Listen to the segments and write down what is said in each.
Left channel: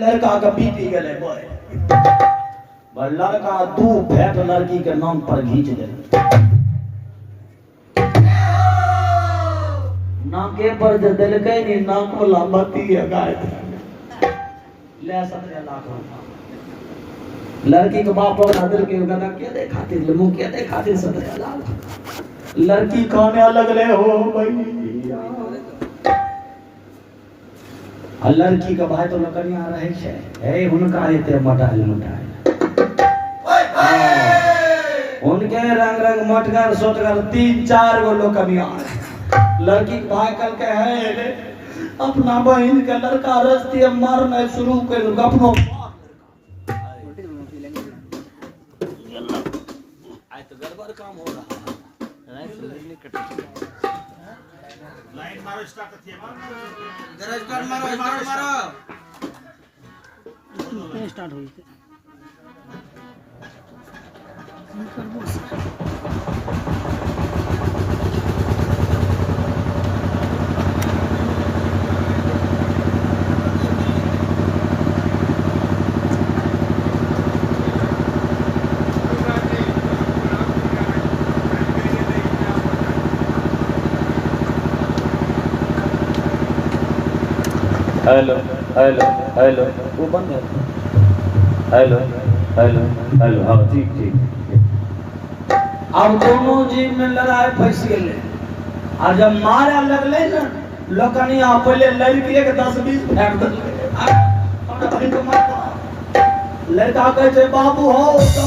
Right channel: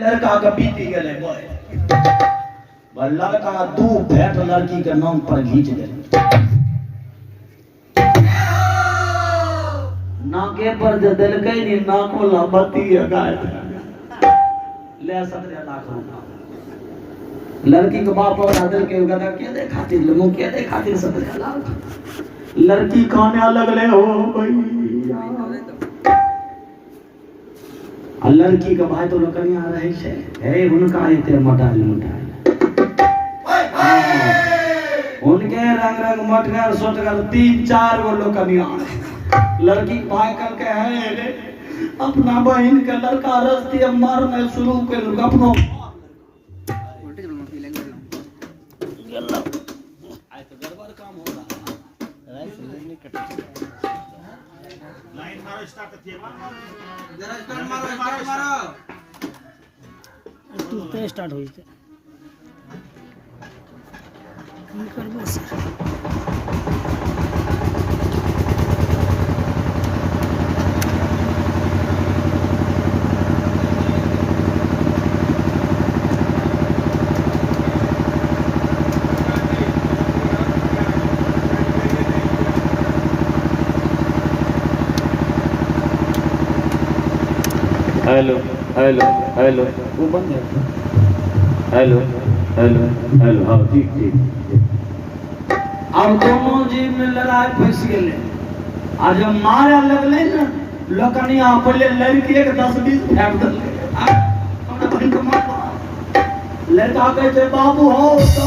लड़का के पीटी गले लड़का दू फैट लड़की के नाम पर घींच गए नाके पर जो दिलके नी नाको लंबती है गाय ले 17 लाख लड़की के बाप और हदर के गदा के दे खातिर मुंह के दे खातिर 17 लाख लड़की खाने अलग ले हो भाई लड़की का भाई तो लकड़ियां रहे छे हे उनका एते मटाइल उनके रंग रंग मटगर सोटगर 3-4 गो लोकनिया लड़की भाई कल के है अपना बहन के लड़का रस्ती मारने शुरू कर अपनो आज तो गड़बड़ काम हो रहा है लाइन मारो स्टार्ट थिएबा स्टार्ट मारो तू पे स्टार्ट होई थे हम करबो सर हेलो हेलो हेलो वो बंद है हेलो हेलो हेलो हाँ ठीक ठीक अब दोनों जीव में लड़ाई फंस गए और जब मारे लगले ना लकनिया पहले लड़की के 10-20 फेंक दिले लड़का कहे बाबू हो तो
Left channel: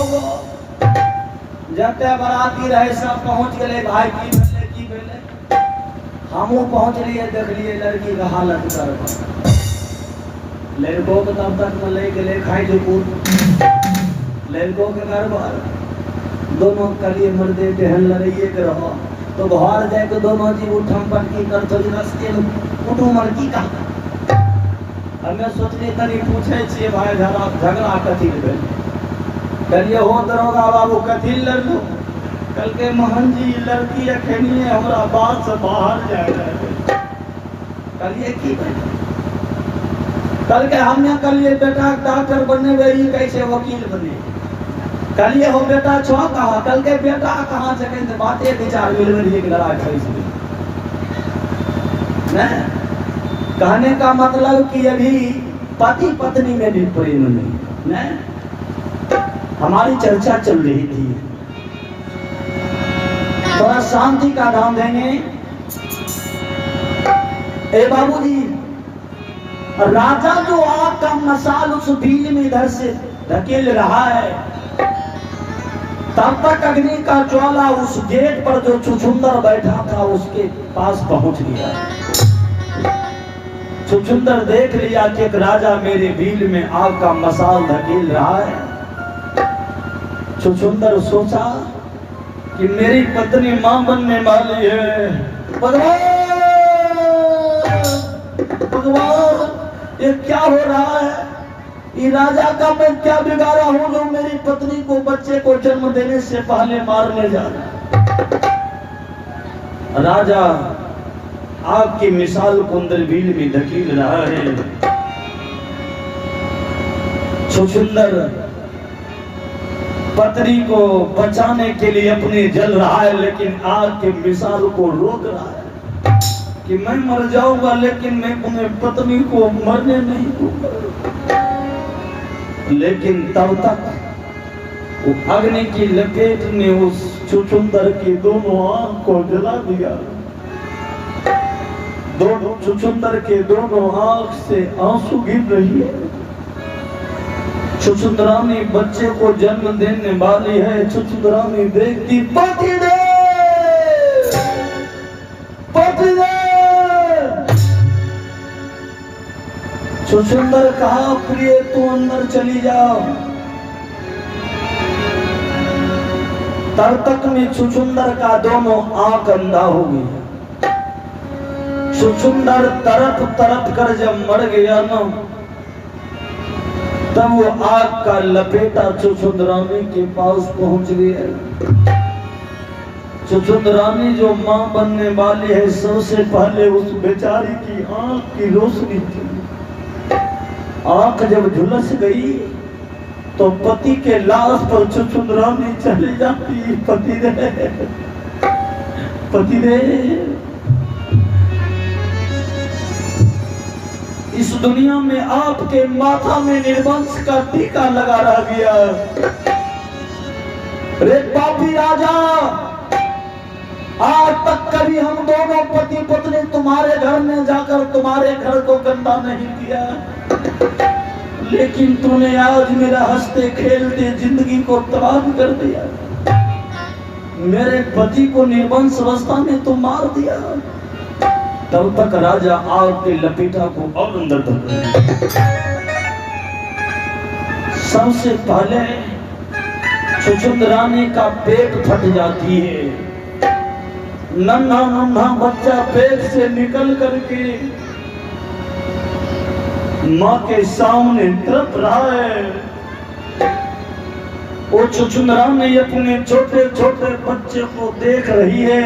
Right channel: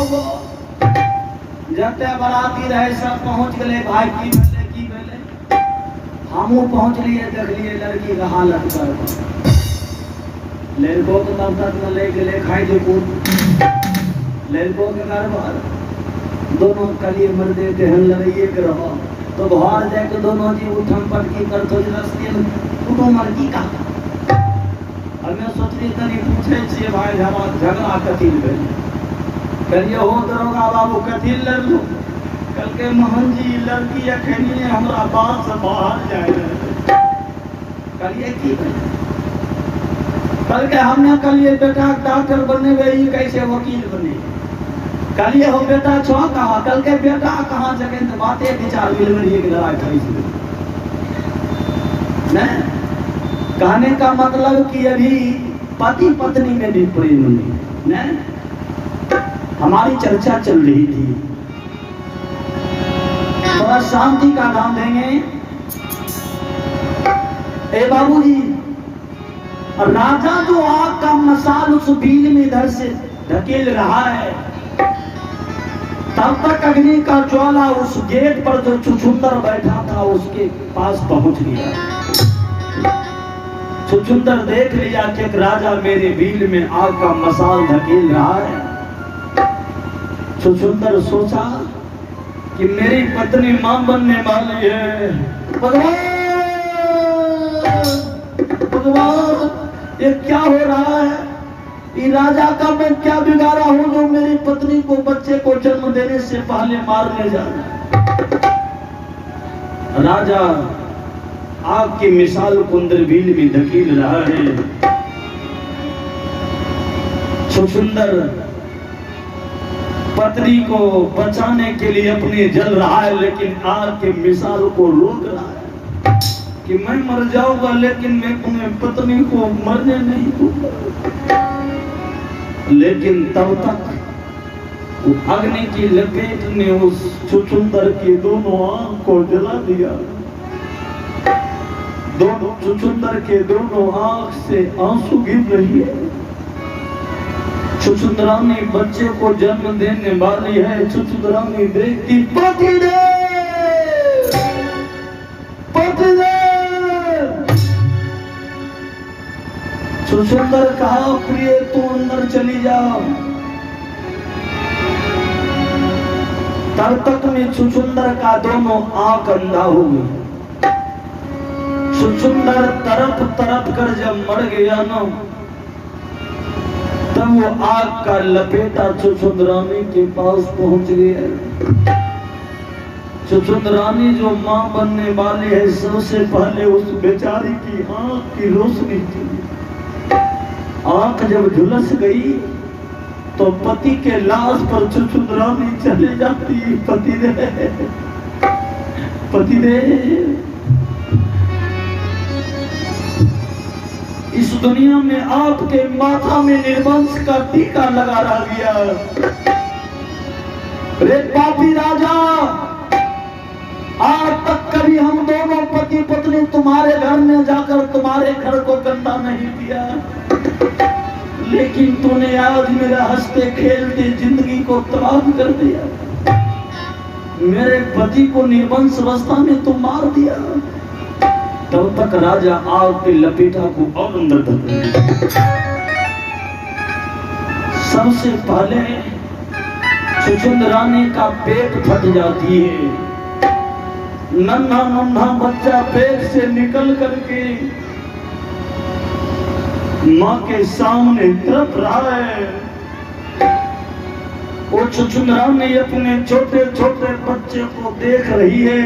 जते बराती रहे सब पहुंच गए भाई की भेले हमू पहुंच लिए देख लिए लड़की का हालत कर लड़कों के तब तक न ले गए खाई देखो लड़कों के घर बार दोनों कलिए मर्दे देहन लड़ाइए के रहो तो बाहर जाए तो दोनों जी उठम पटकी कर तो रास्ते में कुटुम मर्जी का हमें सोचली तनी पूछे छे भाई झगड़ा कथी भेल करिए हो दरोगा बाबू कथी लड़लो कल के महन जी लड़की अखनिए हमरा बात से बाहर जाए करिए की भाई कल के हमने कलिए बेटा डॉक्टर बनने गई कैसे वकील बने कलिए हो बेटा छो कहा कल के बेटा कहाँ से कहीं बातें विचार मिल रही है कि लड़ाई फैस गई कहने का मतलब कि अभी पति पत्नी में भी प्रेम नहीं हमारी चर्चा चल रही थी थोड़ा शांति का नाम देंगे ए बाबूजी राजा जो आग का मसाल उस भील में इधर से धकेल रहा है तब तक अग्नि का ज्वाला उस गेट पर जो छुछुंदर बैठा था उसके पास पहुंच गया छुछुंदर देख लिया कि एक राजा मेरे भील में आग का मसाल धकेल रहा है छुछुंदर सोचा कि मेरी पत्नी मां बनने वाली है भगवान ये क्या हो रहा है ये राजा का मैं क्या बिगाड़ा हूं जो मेरी पत्नी को बच्चे को जन्म देने से पहले मारने जा रहा राजा आग की मिसाल कुंदर भील में धकेल रहा है सुंदर पत्नी को बचाने के लिए अपने जल रहा है लेकिन आग के मिसाल को रोक रहा है कि मैं मर जाऊंगा लेकिन मैं अपने पत्नी को मरने नहीं दूंगा लेकिन तब तक अग्नि की लपेट ने उस छुछुंदर की दोनों आंख को जला दिया दोनों छुछुंदर के दोनों आंख से आंसू गिर रही है छुछुंदरानी बच्चे को जन्म देने वाली है छुछुंदरानी देखती पति दे छुछुंदर कहा प्रिय तू अंदर चली जाओ तब तक में छुछुंदर का दोनों आंख अंधा हो गई छुछुंदर तरफ तरफ कर जब मर गया ना तब वो आग का लपेटा छुछुंदरानी के पास पहुंच गया छुछुंदरानी जो मां बनने वाली है सबसे पहले उस बेचारी की आंख की रोशनी थी आंख जब झुलस गई तो पति के लाश पर छुछुंदरानी चली जाती। पति दे इस दुनिया में आपके माथा में निर्वंश का टीका लगा रह गया। रे पापी राजा, आज तक कभी हम दोनों पति पत्नी तुम्हारे घर में जाकर तुम्हारे घर को गंदा नहीं किया, लेकिन तूने आज मेरा हंसते खेलते जिंदगी को तबाह कर दिया। मेरे पति को निर्वंश अवस्था में तुम मार दिया। तब तक राजा आग के लपेटा को और अंदर तक। सबसे पहले छुछुंदरानी का पेट फट जाती है। नन्हा नन्हा बच्चा पेट से निकल करके माँ के सामने तड़प रहा है। वो छुछुंदरानी अपने छोटे छोटे बच्चे को देख रही है।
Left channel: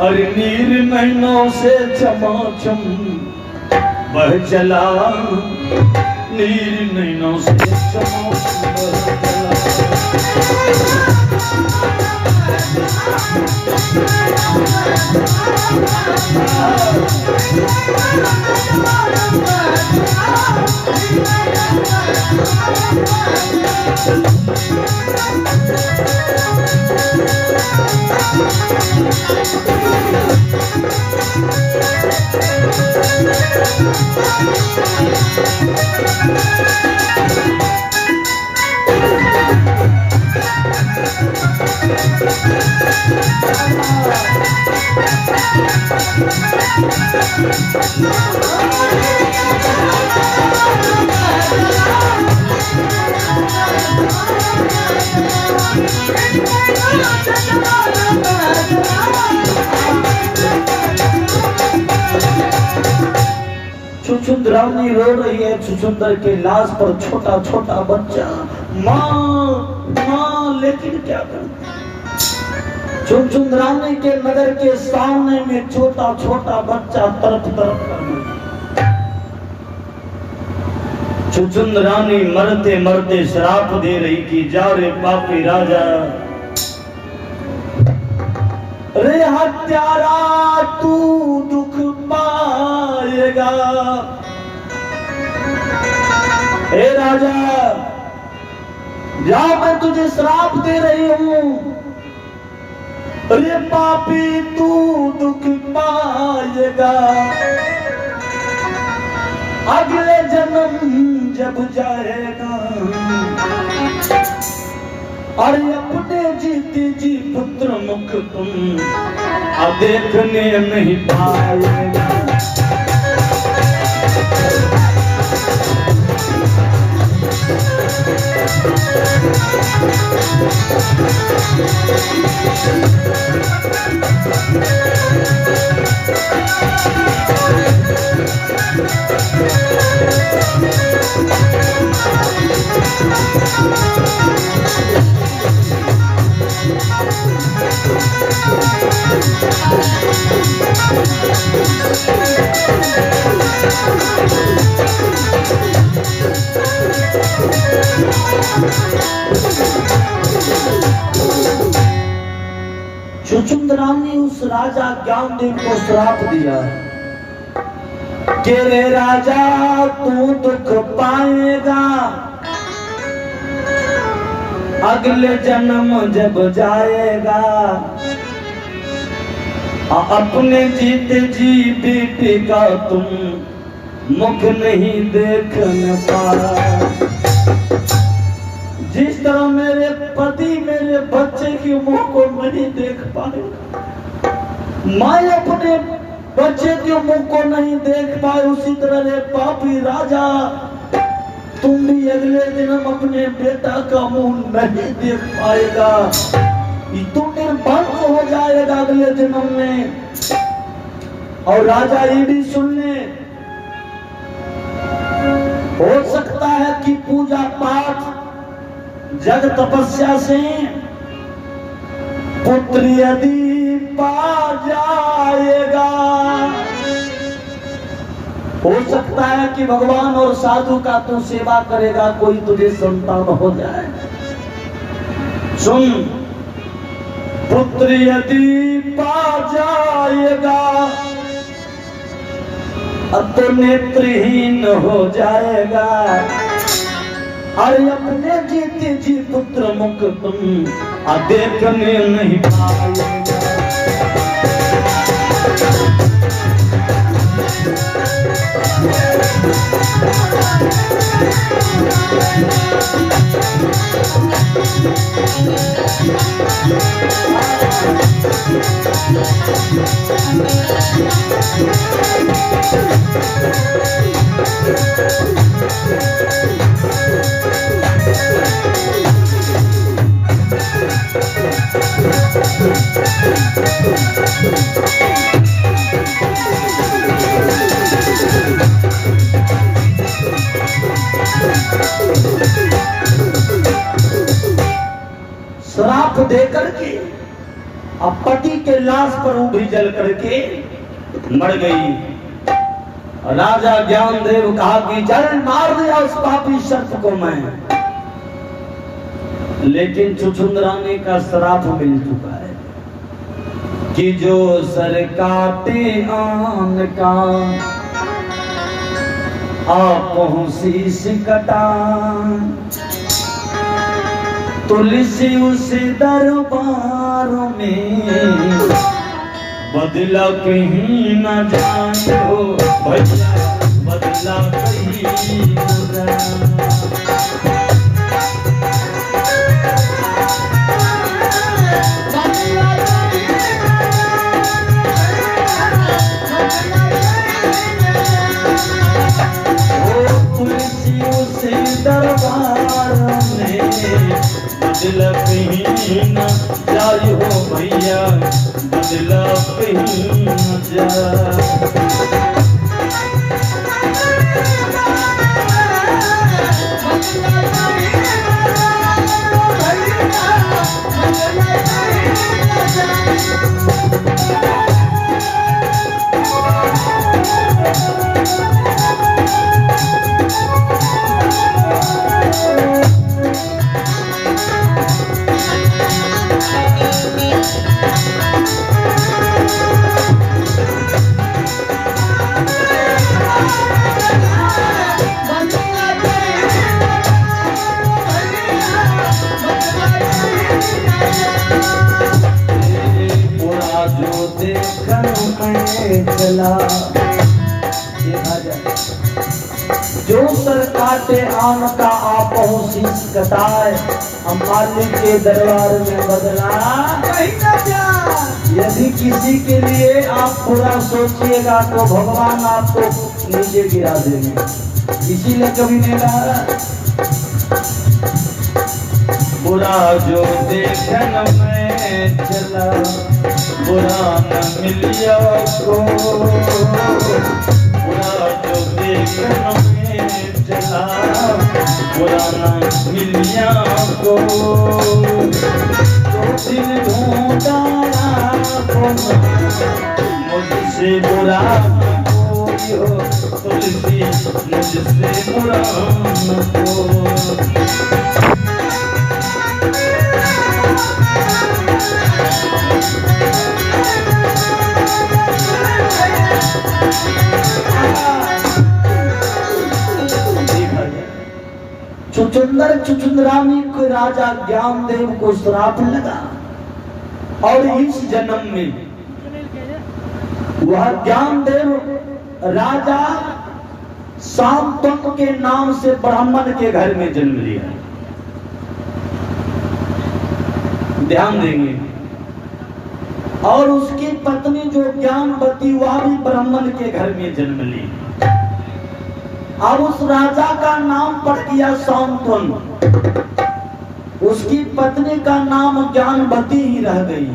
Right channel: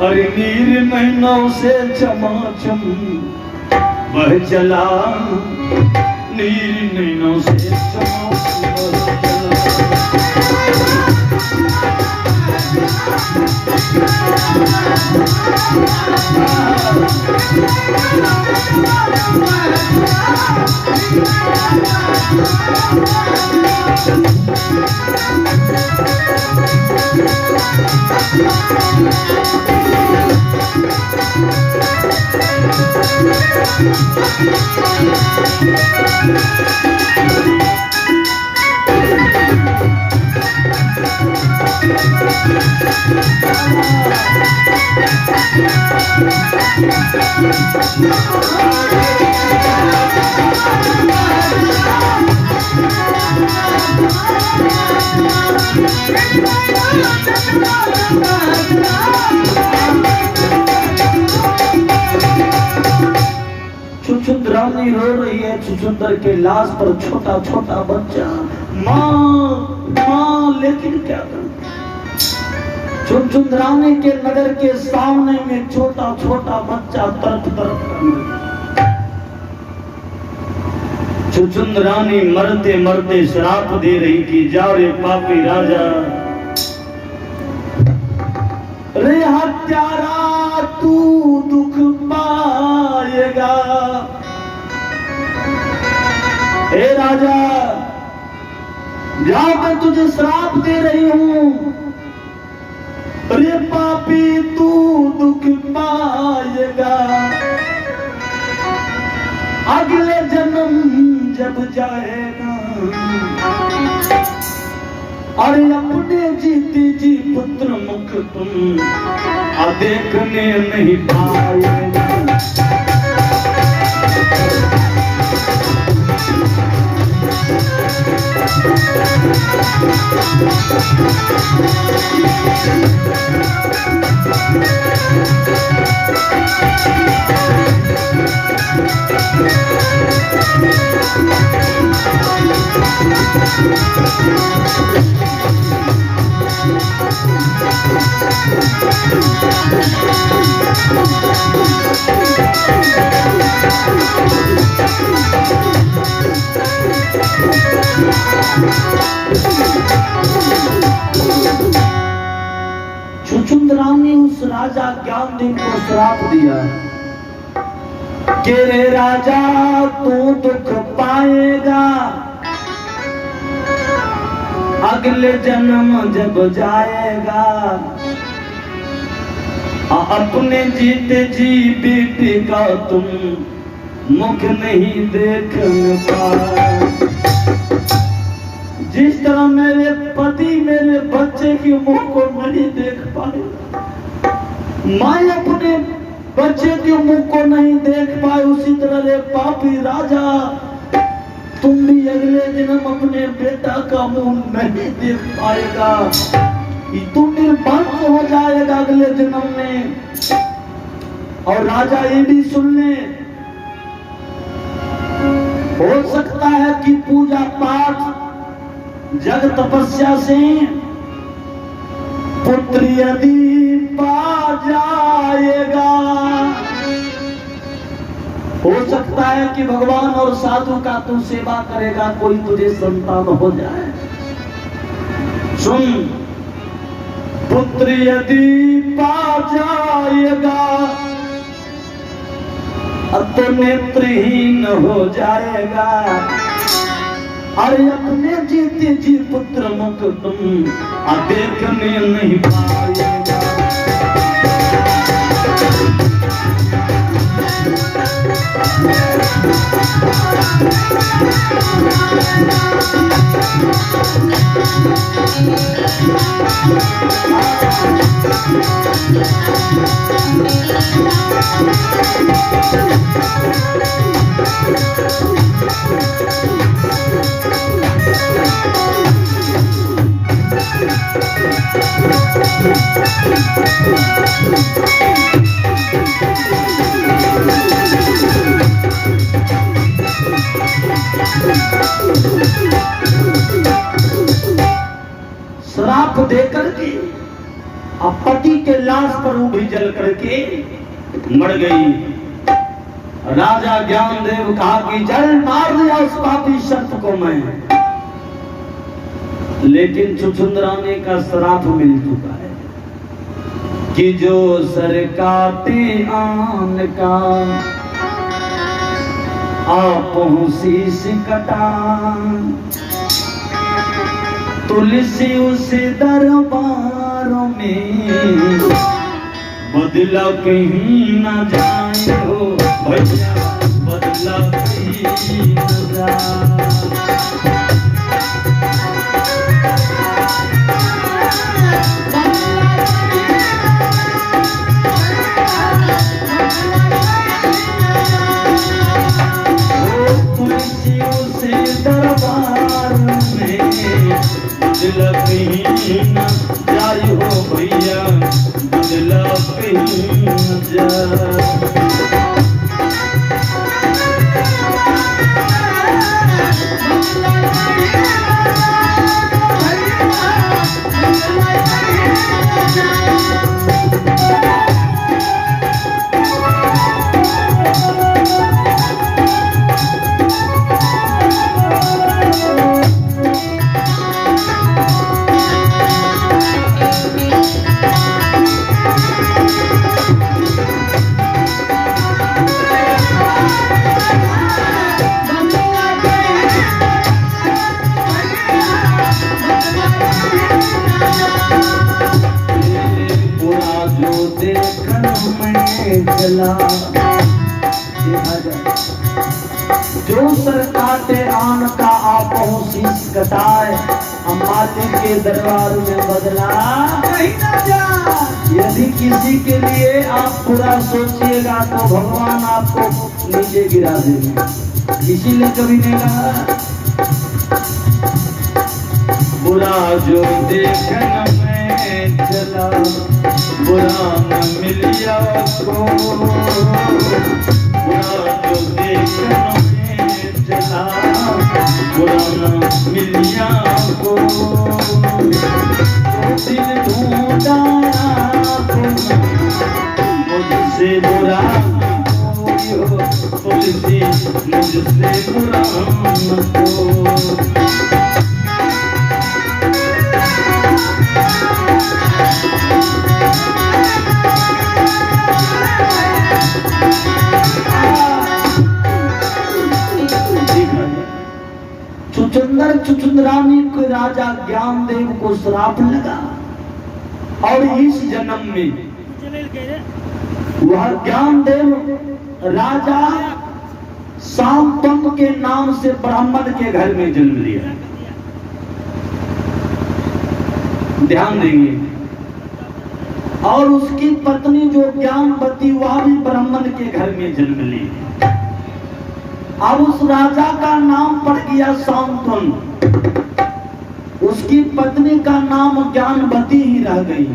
अरे नीर नैनों से चमाचम बह चला, नीर नैनों से चमाचम बह छुछुंदरानी रो रही है। छुछुंदर के लाश पर छोटा छोटा बच्चा, माँ माँ, लेकिन क्या करूं? छुछुंदरानी के नगर के सामने में छोटा छोटा बच्चा तरफ तरफ करने। छुछुंदरानी मरते मरते श्राप दे रही कि जा रे पापी राजा, रे हत्यारा तू दुख पाएगा। हे राजा, जा, मैं तुझे श्राप दे रही हूं। रे पापी तू दुख पाएगा। अगले जन्म जब जाएगा, अरे अपने जीती जी पुत्र मुख तुम देखने नहीं पाएगा। छुछुंदरानी उस राजा ज्ञानदेव को श्राप दिया कि रे राजा तू दुख पाएगा, अगले जन्म जब जाएगा, अपने जीते जी बेटे का तुम मुख नहीं देख पाए। जिस तरह मेरे पति मेरे बच्चे की मुख को नहीं देख पाए, मैं अपने बच्चे के मुख को नहीं देख पाए, उसी तरह रे पापी राजा तुम भी अगले जन्म अपने बेटा का मुंह नहीं देख पाएगा। तू निर्वंश हो जाएगा अगले जन्म में। और राजा ये भी सुन ले, हो सकता है कि पूजा पाठ जग तपस्या से पुत्र यदि पा जाएगा, हो सकता है कि भगवान और साधु का तू सेवा करेगा, कोई तुझे संतान हो जाए। सुन, पुत्र यदि पा जाएगा तो नेत्रहीन हो जाएगा, अरे अपने जीते जी पुत्र मुख तुम देखने नहीं पाएगा। श्राप देकर के अब पति के लाश पर उभरी जल करके मर गई। राजा ज्ञानदेव कहा कि जल मार दिया उस पापी सर्प को मैं, लेकिन छुछुंदरानी का श्राप मिल चुका है कि जो सर काटे आन का आपहु शीश कटा, तुलसी उस दरबार में बदला कहीं न जाए हो भैया, बदला कहीं न जाए। तुलसी उस दरबार में बदला कहीं न जाए हो भैया, बदला कहीं न जाए। जो सर काटे आन का आपहु शीश कटाए, हम मालिक के दरबार में बदला कहीं न जाए। यदि किसी के लिए आप बुरा सोचिएगा तो भगवान आपको नीचे गिरा देंगे, इसीलिए कभी नहीं कहा बुरा जो देखन में चला, बुरा न मिलिया को, बुरा जो देखन में चला, बुरा न मिलिया को, जो दिल ढूंढा मुझसे बुरा कोई हो, तुलसी मुझसे बुरा को। छुछुंदरानी को राजा ज्ञानदेव को श्राप लगा और इस जन्म में वह ज्ञानदेव राजा शांतनु के नाम से ब्राह्मण के घर में जन्म लिया। ध्यान देंगे। और उसकी पत्नी जो ज्ञानवती वह भी ब्राह्मण के घर में जन्म ली। अब उस राजा का नाम पड़ गया शांतनु, उसकी पत्नी का नाम ज्ञानवती ही रह गई।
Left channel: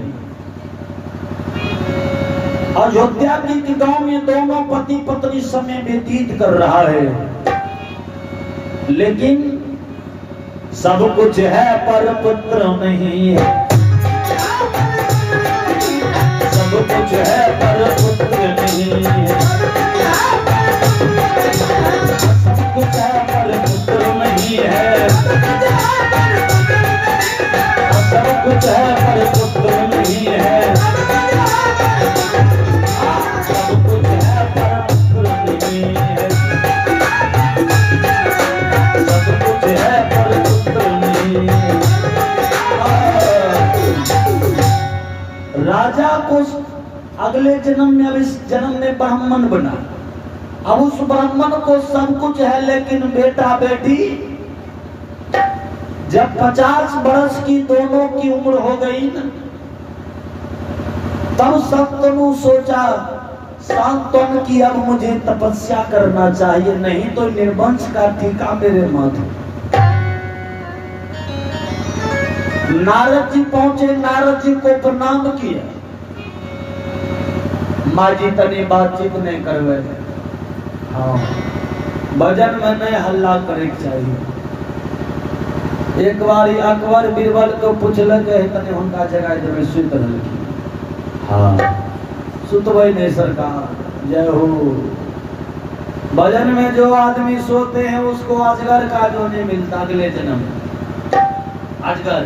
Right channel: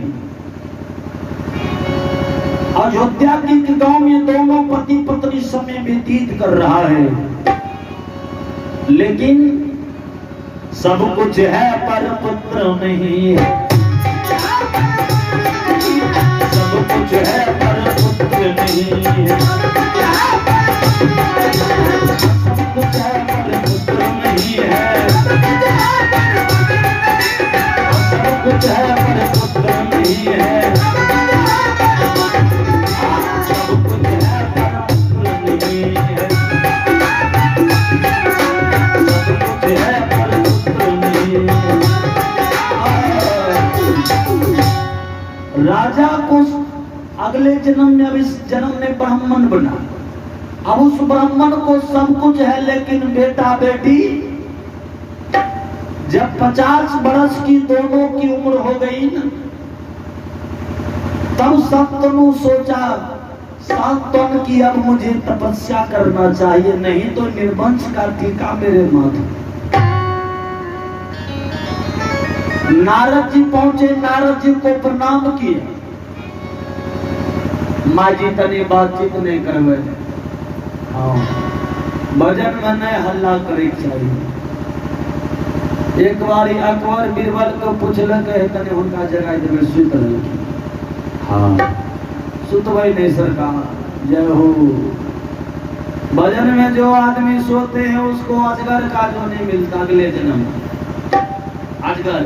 अयोध्या के गांव में दोनों पति पत्नी समय व्यतीत कर रहा है, लेकिन सब कुछ है पर पुत्र नहीं है। सब कुछ कुछ है पर पुत्र नहीं है, सब कुछ है पर पुत्र नहीं है, सब कुछ है पर पुत्र नहीं है, सब कुछ है पर पुत्र नहीं है, सब कुछ है पर पुत्र नहीं है। राजा को अगले जन्म में, अब इस जन्म में ब्राह्मण बना। अब उस ब्राह्मण को सब कुछ है, लेकिन बेटा बेटी जब 50 बरस की दोनों की उम्र हो गई न, तब शंतनु सोचा शांतनु की अब मुझे तपस्या करना चाहिए, नहीं तो निर्वंश का टीका मेरे माथे। नारद जी पहुंचे, नारद जी को प्रणाम किया। माँ जी तनी बातचीत नहीं करवे, हाँ भजन में नहीं हल्ला करे चाहिए। एक बार अकबर बीरबल को पूछलक तने उनका जगह देवे, सुत रहलखिन। हाँ सुतबै नहीं सरकार, जय हो। भजन में जो आदमी सोते हैं उसको अजगर का जो नहीं मिलता अगले जन्म में, अजगर।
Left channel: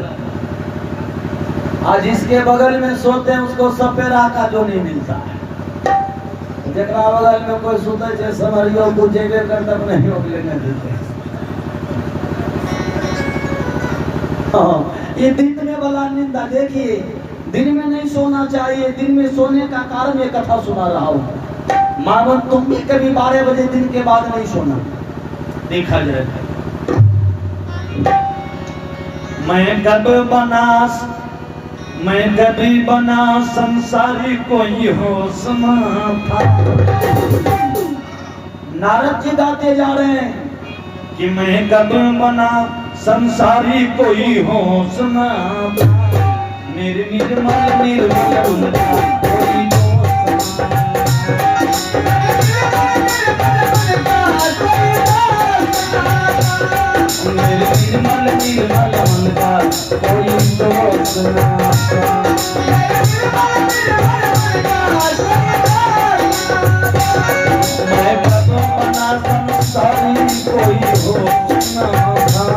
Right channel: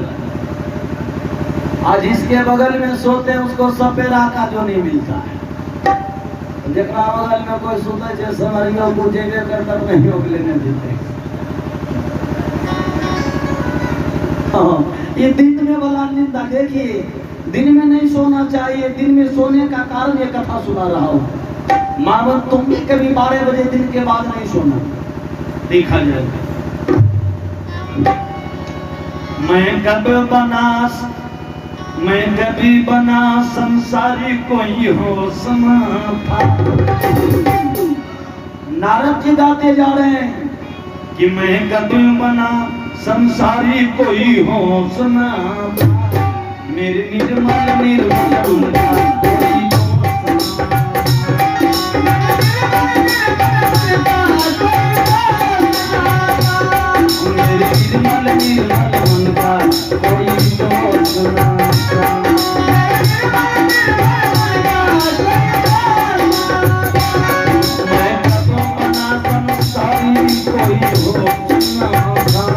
आज इसके बगल में सोते हैं उसको सपेरा का जो नहीं मिलता है। जकरा बगल में कोई सोते है समरियो को जेबे कर तक नहीं ओकलेने देते। हाँ, ये दिन में वाला निंदा देखिए, दिन में नहीं सोना चाहिए। दिन में सोने का कारण ये कथा सुना रहा हूँ। मानो तुम भी कभी 12 बजे दिन के बाद नहीं सोना, देखा जाए। मैं कभी बना संसारी कोई होश ना था। नारद जी गाते जा रहे हैं कि मैं कभी बना संसारी कोई होश ना था, मेरे निर्मल निर्मल उनका कोई दोष ना, मेरे निर्मल निर्मल उनका कोई दोष ना। मैं कभी बना संसारी कोई होश ना था,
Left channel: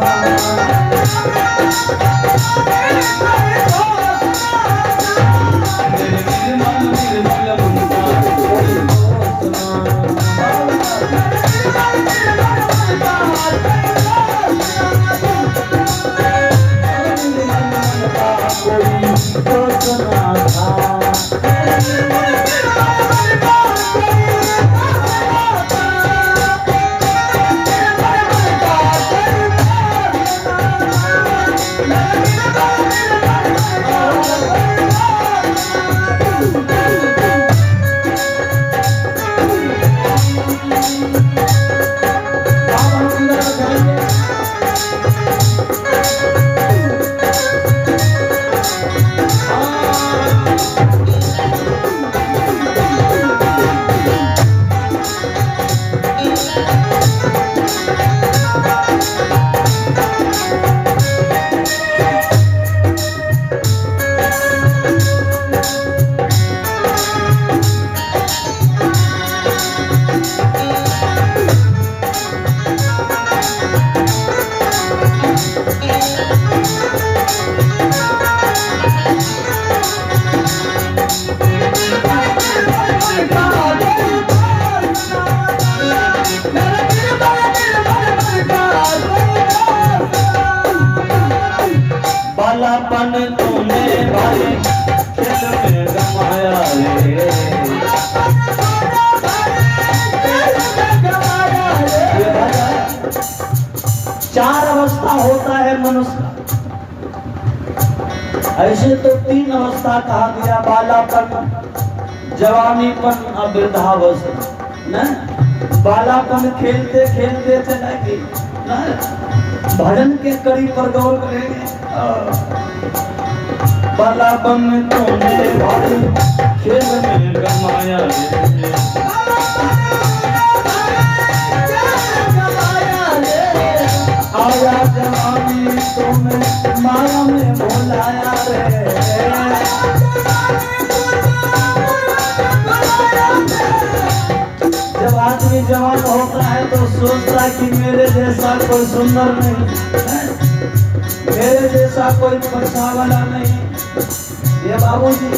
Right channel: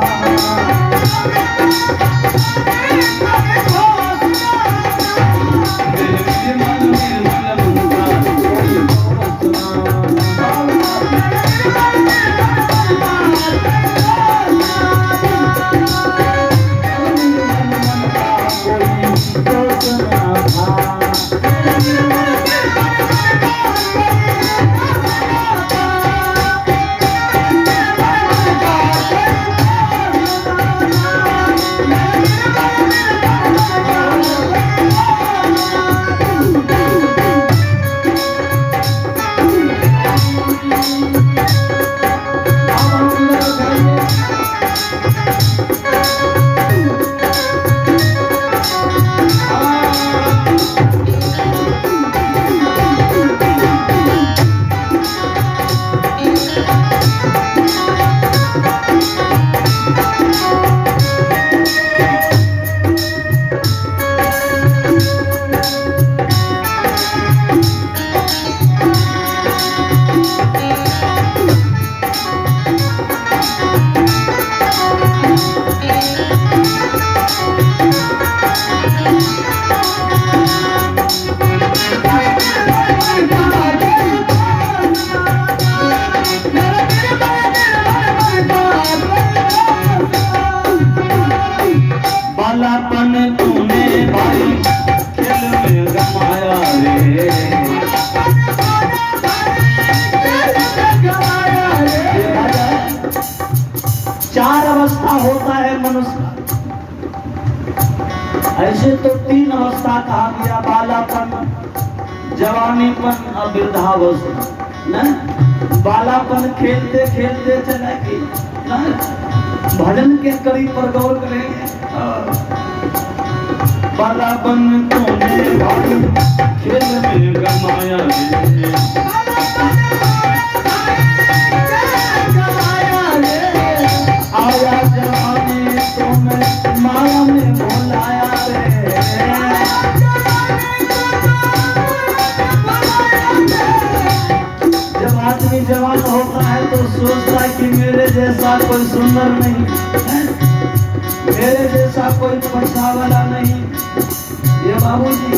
बालापन तूने भाई खेल में गमाया रे, 4 अवस्था होता है मनुष्य का। ऐसे तो 3 अवस्था कहा गया, बालापन, जवानीपन और वृद्धावस्था। न बालापन खेलते खेलते चलेगी, भजन के कड़ी पर गौर करेंगे। बालापन तूने भाई खेल में गमाया रे, आया जवानी तूने माया में भुलाया रे, जैसा कोई सुंदर नहीं, मेरे जैसा कोई पैसा वाला नहीं। ये बाबूजी,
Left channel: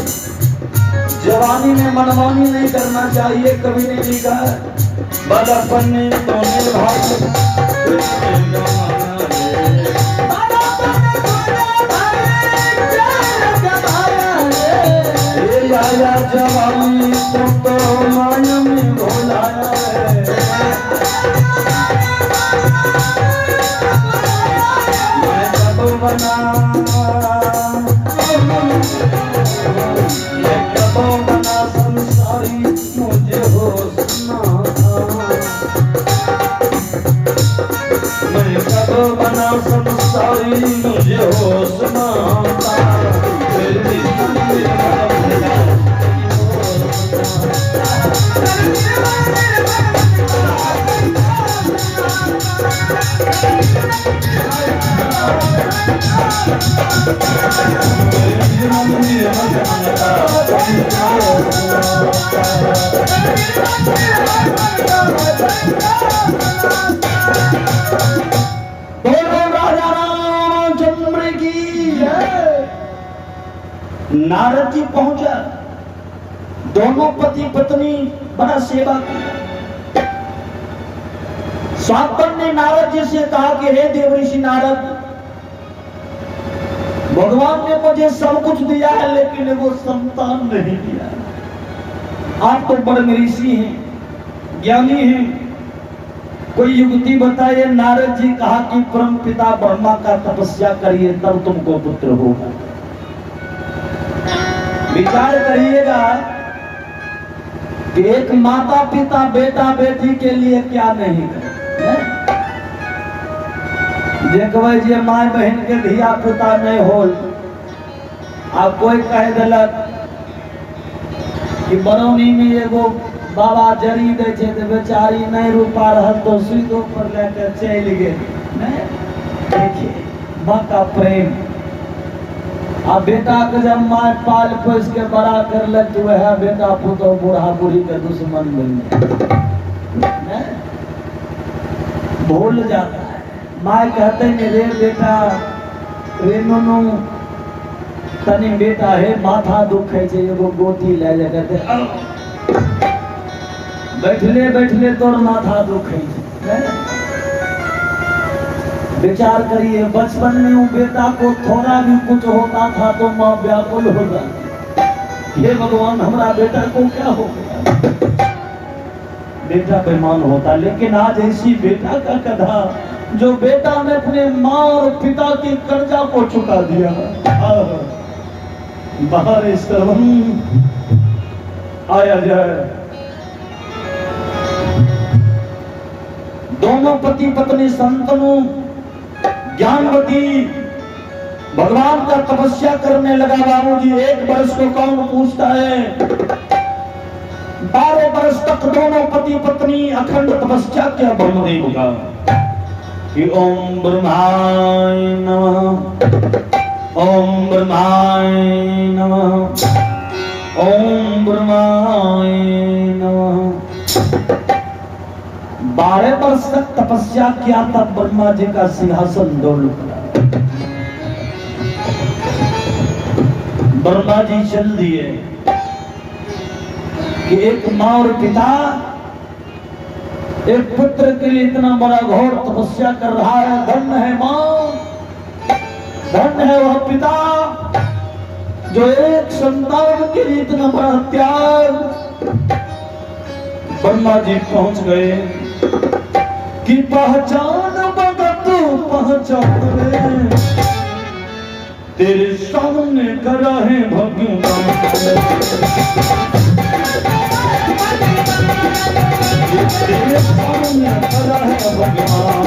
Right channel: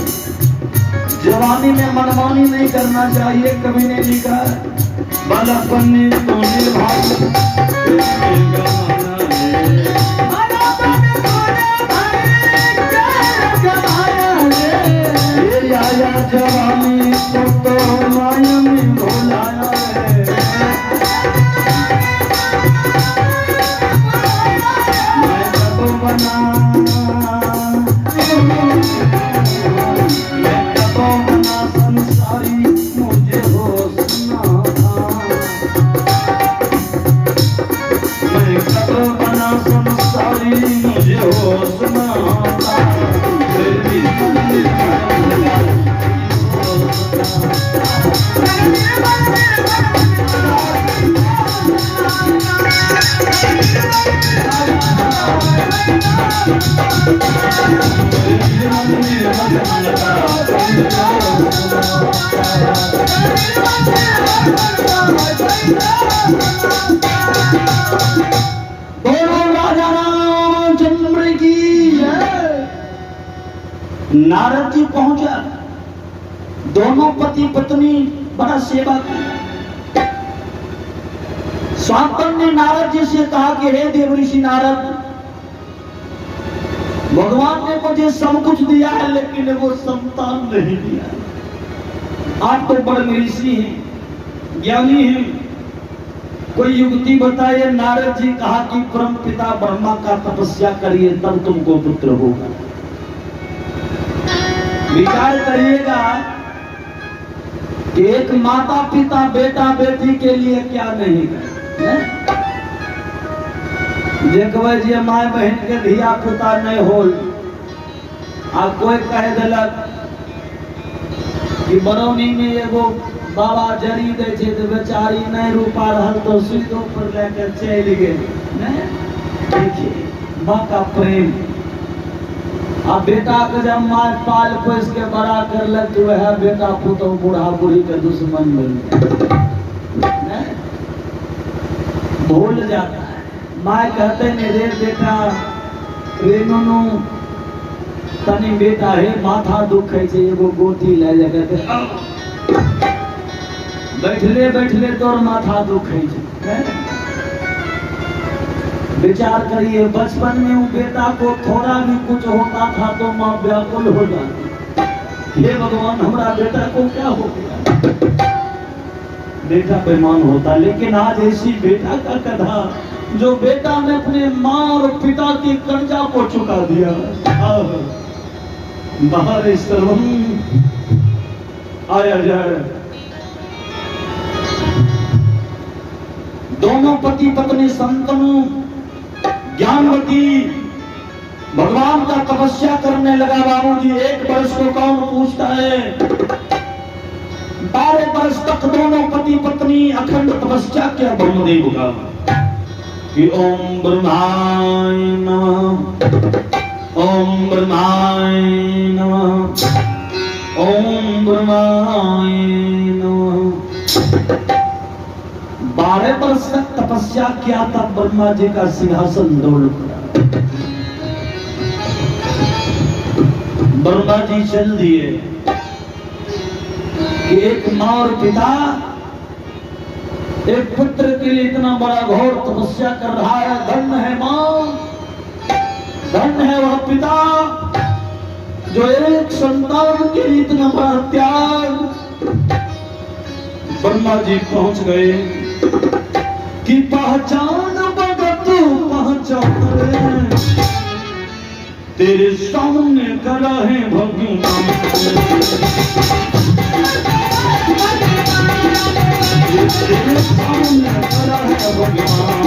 जवानी में मनमानी नहीं करना चाहिए। कभी ने लिखा बलपनी तो निभाई जवानी तो माया में भोलाया है। मैं कब बना संसारी मुझे होश ना था। मैं कब बना संसारी मुझे होश ना था। नारद जी पहुंचा, दोनों पति पत्नी बड़ा सेवा की। शांतन ने नारद जी से कहा कि हे देवर्षि नारद, भगवान ने मुझे सब कुछ दिया है लेकिन वो संतान नहीं दिया। आप तो बड़े ऋषि हैं, ज्ञानी हैं, कोई युक्ति बताइए। नारद जी कहा कि परम पिता ब्रह्मा का तपस्या करिए तब तुमको पुत्र होगा। विचार करिएगा कि एक माता पिता बेटा बेटी के लिए क्या नहीं है। देखबै जे माय बहन के धिया पुता नहीं होल आ कोई कह दिलक कि बरौनी में एगो बाबा जरी दे छे तो बेचारी नहीं रूपा रहल तो सीधो पर लेके चल गेल। देखिए माँ का प्रेम। आ बेटा के जब माँ पाल पोस के बड़ा कर ले तो वह बेटा पुतो बूढ़ा बूढ़ी के दुश्मन बन भूल जाता है। माँ कहते हैं रे बेटा रे नुनू तनी बेटा है माथा दुखे छे एगो गोटी ले जा कहते बैठले बैठले तोर माथा दुखे छे। विचार करिए बचपन में उस बेटा को थोड़ा भी कुछ होता था तो माँ व्याकुल हो जाती। हे भगवान हमारा बेटा को क्या हो गया। बेटा बेईमान होता। लेकिन आज ऐसी बेटा का कथा जो बेटा ने अपने माँ और पिता के कर्जा को चुका दिया। बाहर सर्वम आया जाए। दोनों पति पत्नी संतनु ज्ञानवती भगवान का तपस्या करने लगा। बाबूजी 1 वर्ष को कौन पूछता है। 12 वर्ष तक दोनों पति पत्नी अखंड तपस्या किया ब्रह्मदेव का कि ओम ब्रह्माय नमः ओम ब्रह्माय नमः ओम ब्रह्माय नमः। 12 वर्ष तक तपस्या किया तब ब्रह्मा जी का सिंहासन दौड़ पड़ा। ब्रह्मा जी चल दिए कि एक माँ और पिता एक पुत्र के लिए इतना बड़ा घोर तपस्या कर रहा है। धन्य है माँ, धन्य है वह पिता जो एक संतान के लिए इतना बड़ा त्याग। ब्रह्मा जी पहुंच गए कि पहचान तू पहचान तेरे सामने खड़ा है भगवान। तेरे सामने खड़ा है भगवान।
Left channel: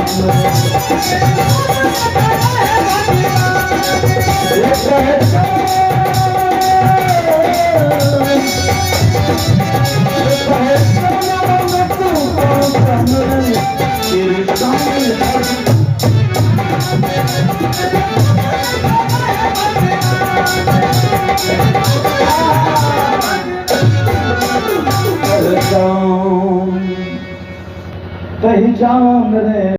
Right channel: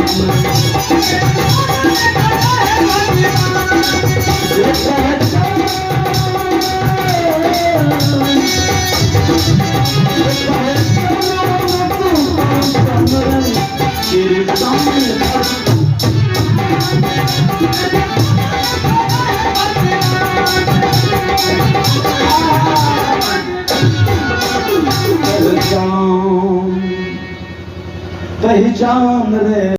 पहचान रे